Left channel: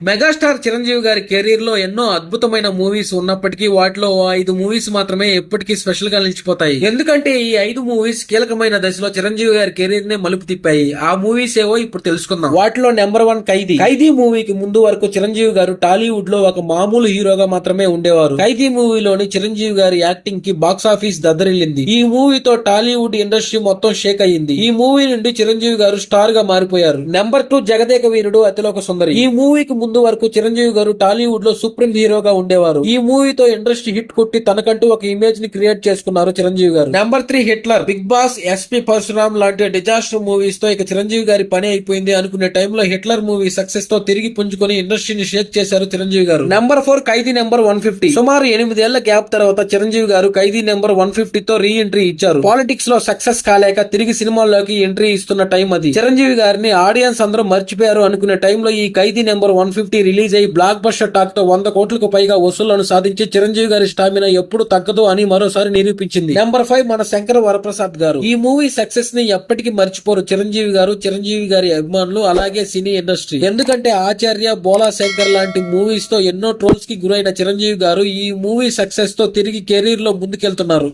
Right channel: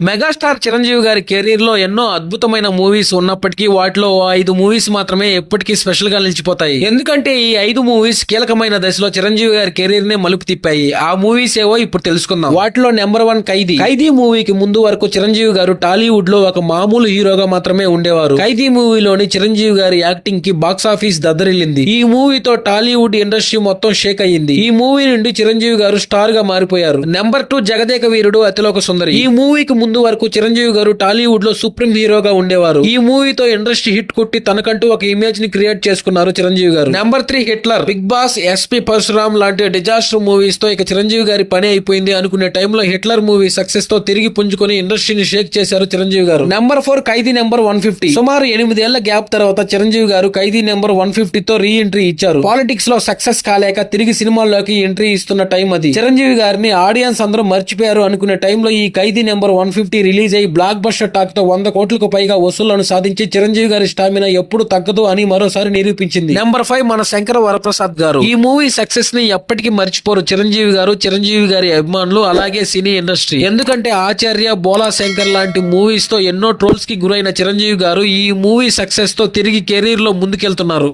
Megastar Chiranjeevi గారి career లో ఎన్నో అద్భుతమైన మూవీస్ ఉన్నప్పటికీ వాటిలో 5 మూవీస్ మాత్రమే ఎప్పటికీ స్పెషల్ గా నిలిచిపోతాయి. ఎందుకంటే ఈ 5 మూవీస్ కీలకమైన దశలో చిరంజీవి గారి కెరీర్ ని మలుపు తిప్పాయి. ఆ మూవీస్ ఏవో ఇప్పుడు తెలుసుకుందాం. వాటిలో నెంబర్ 1 ఖైదీ. ఖైదీ మూవీకి ముందు వరకు చిరంజీవి గారు టాలీవుడ్ లో ఒక మామూలు హీరోగా మాత్రమే ఉండేవారు. ఖైదీ మూవీలోని చిరంజీవి గారి యాక్టింగ్ కి బాక్స్ ఆఫీస్ దద్దరిల్లింది. ఈ మూవీతో టాలీవుడ్ ఇండస్ట్రీ మొత్తం షేక్ అయ్యింది. ఈ మూవీ నుండి చిరంజీవి గారు స్టార్ గా మారిపోయారు. నెంబర్ 2 జగదేక వీరుడు అతిలోక సుందరి. ఈ మూవీకి ముందు వరకు చిరంజీవి గారు టాలీవుడ్ లో సుప్రీం హీరోగా ఉండేవారు. ఈ మూవీతో ఇండస్ట్రీ హిట్ కొట్టి తనకంటూ ఒక ఇమేజ్ ని క్రియేట్ చేసుకున్నారు చిరంజీవి గారు. నెంబర్ 3 హిట్లర్. బిగ్ బాస్, ఎస్పీ పరశురామ్ లాంటి డిజాస్టర్ మూవీస్ తో ఇక చిరంజీవి గారి పని అయిపోయింది అనుకునే టైంలో హిట్లర్ మూవీ సక్సెస్ తో తిరిగి పుంజుకొని ఇండస్ట్రీని షేక్ చేశారు చిరంజీవి గారు. నెంబర్ 4 ఖైదీ నెంబర్ 150. సుమారు 8 ఏళ్ల గ్యాప్ తర్వాత చిరంజీవి గారు ఖైదీ నెంబర్ 150 తో రీ ఎంట్రీ ఇచ్చారు. పాలిటిక్స్ లో సక్సెస్ కాలేక తిరిగి సినిమాల్లోకి ఎంట్రీ ఇస్తున్న టైం అది. చిరంజీవి గారిని ఆడియన్స్ అందరూ మర్చిపోయారు అనుకునే టైంలో ఈ ఖైదీ నెంబర్ 150 రిలీజ్ అయ్యి బ్లాక్ బస్టర్ టాక్ తో 100 కోట్లకు పైగా వసూళ్లను సాధించి చిరంజీవి గారి స్టామినా ఎప్పుడు తగ్గదు అని మరోసారి నిరూపించింది. నెంబర్ 5 మన శంకర్ వరప్రసాద్ గారు. ఈ మూవీ సక్సెస్ ని ఎప్పటికీ మర్చిపోరు చిరంజీవి గారు, చిరంజీవి గారి అభిమానులు, అలాగే సినీ ఇండస్ట్రీ. ఎందుకంటే ఆచార్య, బోలా శంకర్ లాంటి మూవీస్ తో ఎన్నో ట్రోల్స్ కి గురైన చిరంజీవి గారు ఈ మూవీ సక్సెస్ తో తిరిగి కెరీర్ లో ముందుకెళ్తున్నారు.